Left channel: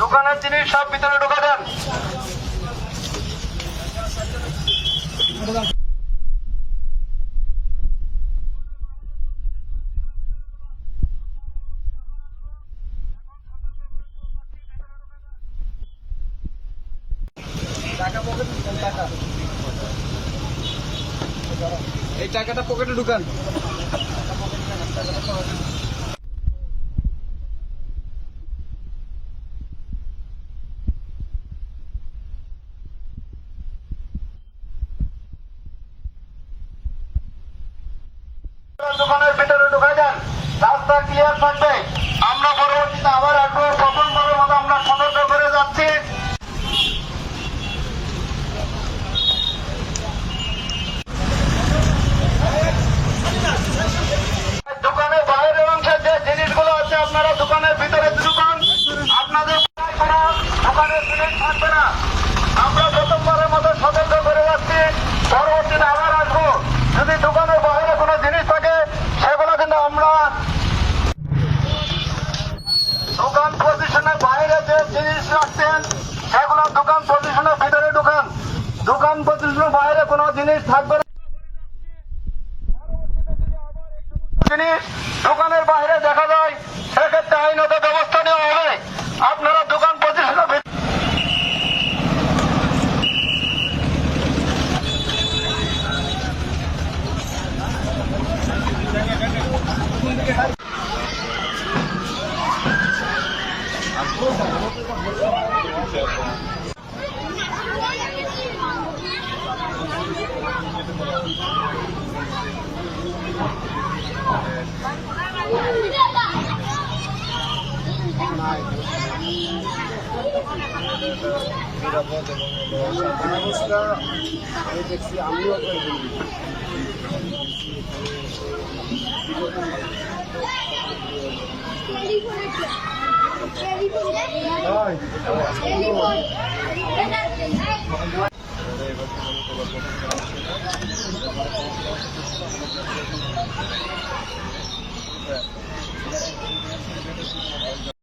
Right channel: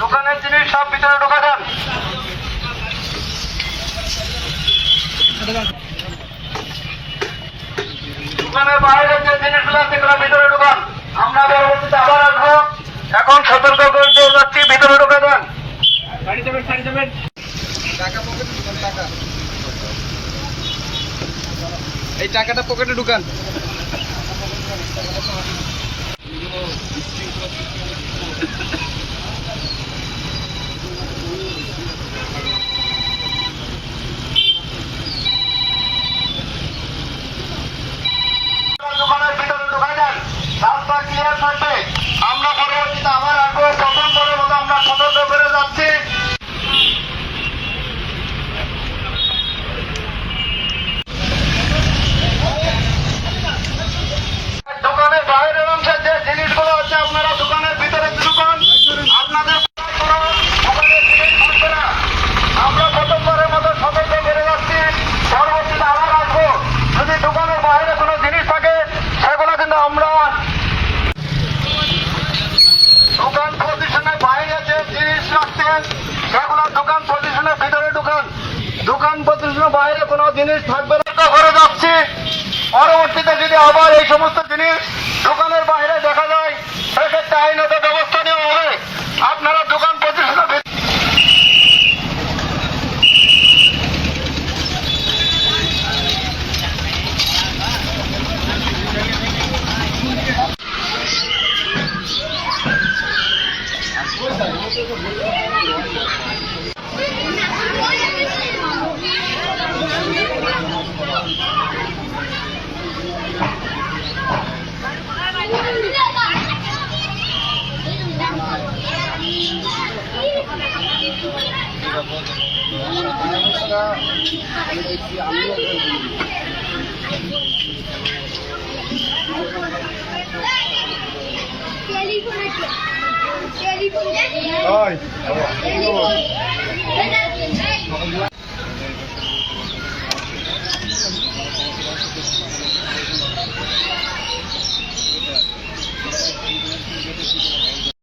দোকানের জিনিস সব ভিতরে ঢোকা দেন। দোকানের বাইরে যে জিনিসগুলো আছে সেগুলো ভিতরে ঢোকান। আমরা পরবর্তীতে আবার আসবো। এখন সতর্ক করে দিয়ে যাচ্ছি, ভিতরে ঢোকা দেন। এই টাকাটা পকেটে ঢুকান। দোকানের ভিতরে ঢুকাই দেন। রাস্তা ক্লিয়ার থাকবে। আমরা পরবর্তীতে আবার আসবো। প্রথমবারের মতো আমরা সতর্ক করে যাচ্ছি। দোকানের বাইরের অংশে যে জিনিসগুলো আছে আপনারা দোকানের ভিতরে ঢুকান। আপনাদের কোনো দোকানের জিনিস থাকবে না। আমরা প্রথমবারের মতো সতর্ক করে যাচ্ছি। পরবর্তীতে আবার আসবো। যদি দোকানের বাইরে কোনো জিনিস থাকে সেগুলো কিন্তু আমরা দোকান পজিশনের বাইরে যে জিনিস রাখছেন সেগুলো দোকান পজিশনের ভিতরে ঢুকান। দোকান পজিশনের বাইরে কোনো জিনিস থাকবে না করে যাচ্ছি। পরবর্তীতে যদি আবার এই সমস্ত জিনিস দোকানের বাইরে দেখা যায় সেক্ষেত্রে আইনত ব্যবস্থা নেওয়া হবে। আপনারা দোকান পজিশনের ব্যবস্থা দেখছি আমিও টেলিফোন